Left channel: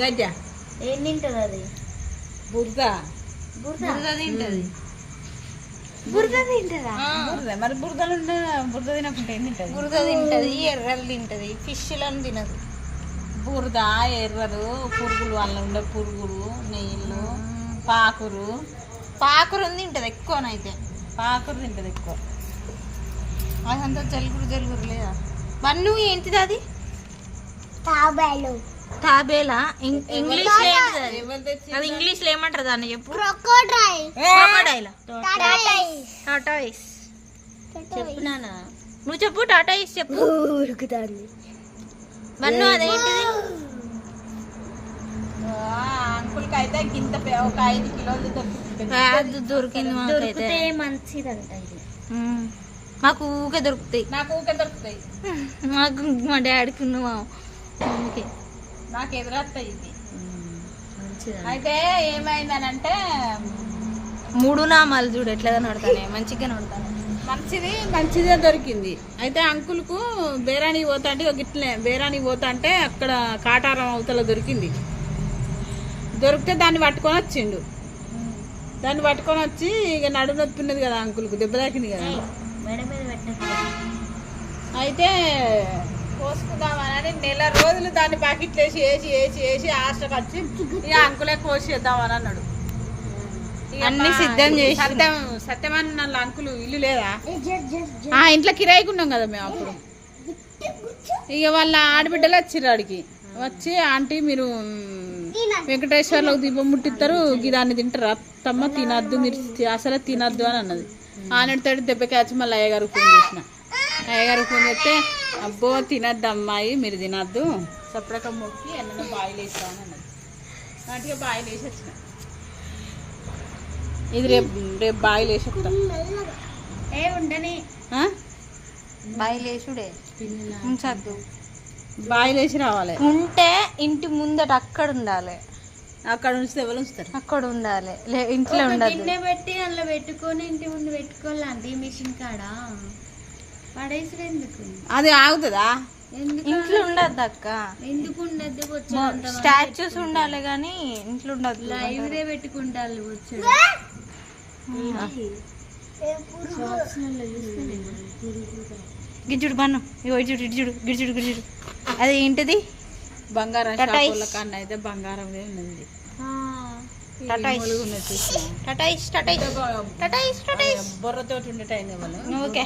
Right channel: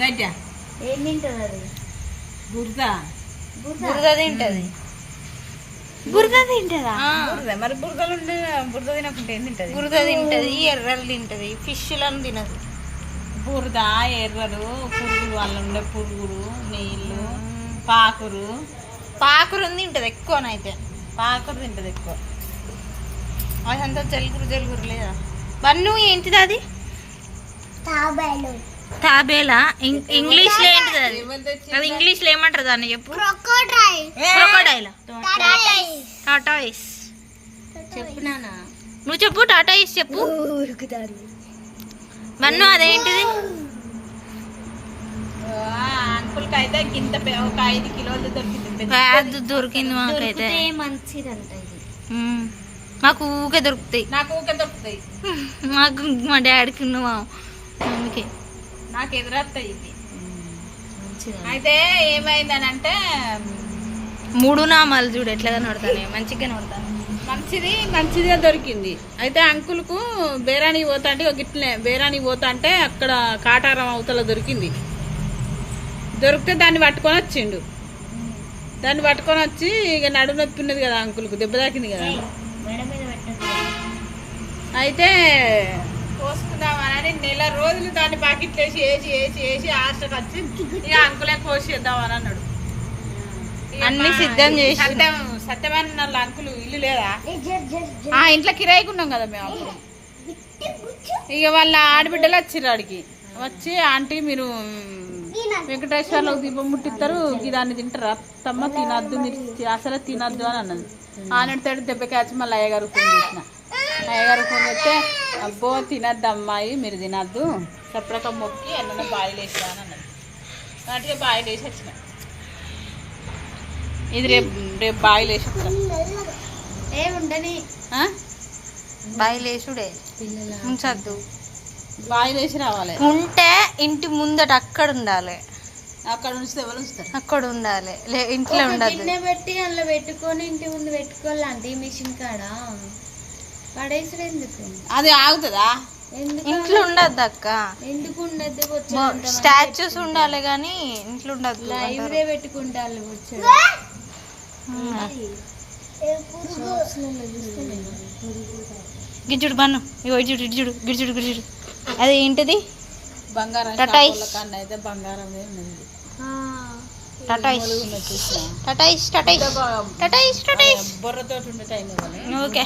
గడ్డ ఏం తింటుంది అది? బురద బురద తింటది. బురద తింటదా? మరి బురదలు ఉంటే బురద తినకుంటే ఏం తింటది? బురద తింటది, ఎర్రలు తింటది, ఫిష్లను తినదు. బురద, ఎర్రలు, పురుగులు, వల్ల ఉండే పురుగులు, నీళ్ళు, పాకురు తింటది ఎక్కువనైతే. పాకురు తింటది ఎక్కువ. అదంతా జలుగురు లేదా? బన్ను ఏంటిది అది? తాబేలా. ఇంగ్లీష్ లో ఏంటిది అది? అది ఇంగ్లీష్ లో ఏమంటారు దాన్ని చెప్పు. క్రొకోడైల్. టాటాయిస్. చెప్పు నాన్న. నువ్వు చెప్పు, టాటాయిస్ చెప్పు. బన్ను అదేంటిది? అంకుల్కి అయితే గింత ఒక 5 కిలోలు దొరికింది. దొరికింది మాకైతే. మంచిదంట ఇది. మాకు ఊకే దొరుకుతాయి. నాకు ఊకే దొరుకుతాయి. మాకు మా డాడీకి మా మమ్మీకి. నాకు ఎదురొస్తాయి ఇది. అయితే ఏమైందనంటే 3 నామాలు చూడు ఎట్లా కనబడతానే, మంచిగా కనబడతానే. మంచిదే దొరికింది. అయితే అంకుల్కు బేరానికి పోతా అంటే గిట్లనే బేరానికి పోతా అంటే అక్కడ కాటారం అవతల దొరికింది. దొరికితే దాన్ని పట్టుకొని వచ్చిండు. దాన్ని పట్టుకొని వచ్చి ఇక నడుము నొప్పి ఉన్నది కదా అంకుల్కు, దెబ్బ తాకింది కదా. అయితే కోసుకుందామని నెల రోజులు దాన్ని ప్యాకెట్లు వేసి ఆశకు వచ్చి ఇక అంకులే కోసేద్దామని అన్నాడు. అన్ని సిద్ధం చేసి సత్యమని వాళ్ళ అంకులు ఇల్లు లేదా, ఇంట్లో కిరాయికి ఉన్నాం కదా మేము అప్పుడు. ఇక వాళ్ళ ఆడబిడ్డలు వచ్చిర్రు ఆడికి. వచ్చి ఆంటీ మీరు వెంకటేశ్వర్లకు దీపం ముట్టిస్తారు, దాన్ని తింటారు అత్తమ్మ, తినద్దు మీరు అసలే తినద్దు అని అన్నది. ఆనడితో దెబ్బకి మళ్ళీ అయ్యగారికి ఫోన్ చేసిన. అయ్యగారికి ఫోన్ చేస్తే అబ్బో తినద్దు అమ్మాయి, మీరు తినద్దు, సపరక మొక్కి ఎన్న బాయిలు వేసిరా అని అన్నది. వాటికి బాయిలు వేసి వచ్చిన. ఇది రేపు బాయిలు వేసి వస్తా. ఉండని బాయిలేసుడే ఉంచద్దు, బాయిలు వేసి రావాలి. ఉంటే ఇంటి ముందట అక్కడ ఉండాలి. అక్కడ ఉంచితే ఎవరు ఉంచుతారు? అక్కడ ఉండాలి, ఇంట్లో ఉండాలి. గిన్నె పెట్టి అందులో పెట్టుకొని ఇంటి ముందు పెట్టుకోవాలంటే మిషన్ కాడ పడేసరు ఎందుకు? అది ఆగుతుందా? ఇంట్లో ఉండద్దు అక్క. ఎందుకు ఉండద్దు? స్టాచ్యూస్ ఉండాలి కానీ ఇంట్లో ఉండద్దు. లైవ్రే పెట్టుకుంటారు వచ్చారు. గిజ్జుడు బన్ను ఇడ్జుడు ఇడ్జుడు గిడ్జుడు గిడ్జుడు. అది ఏంటిది? బంగారం. టటాయిస్. అయితే బంగారం ఉన్నది. టటాయిస్. చూసిన టటాయిస్ టటాయిస్ టటాయిస్ టటాయిస్. బొర్రతో ఉండే టైం. ఓకే.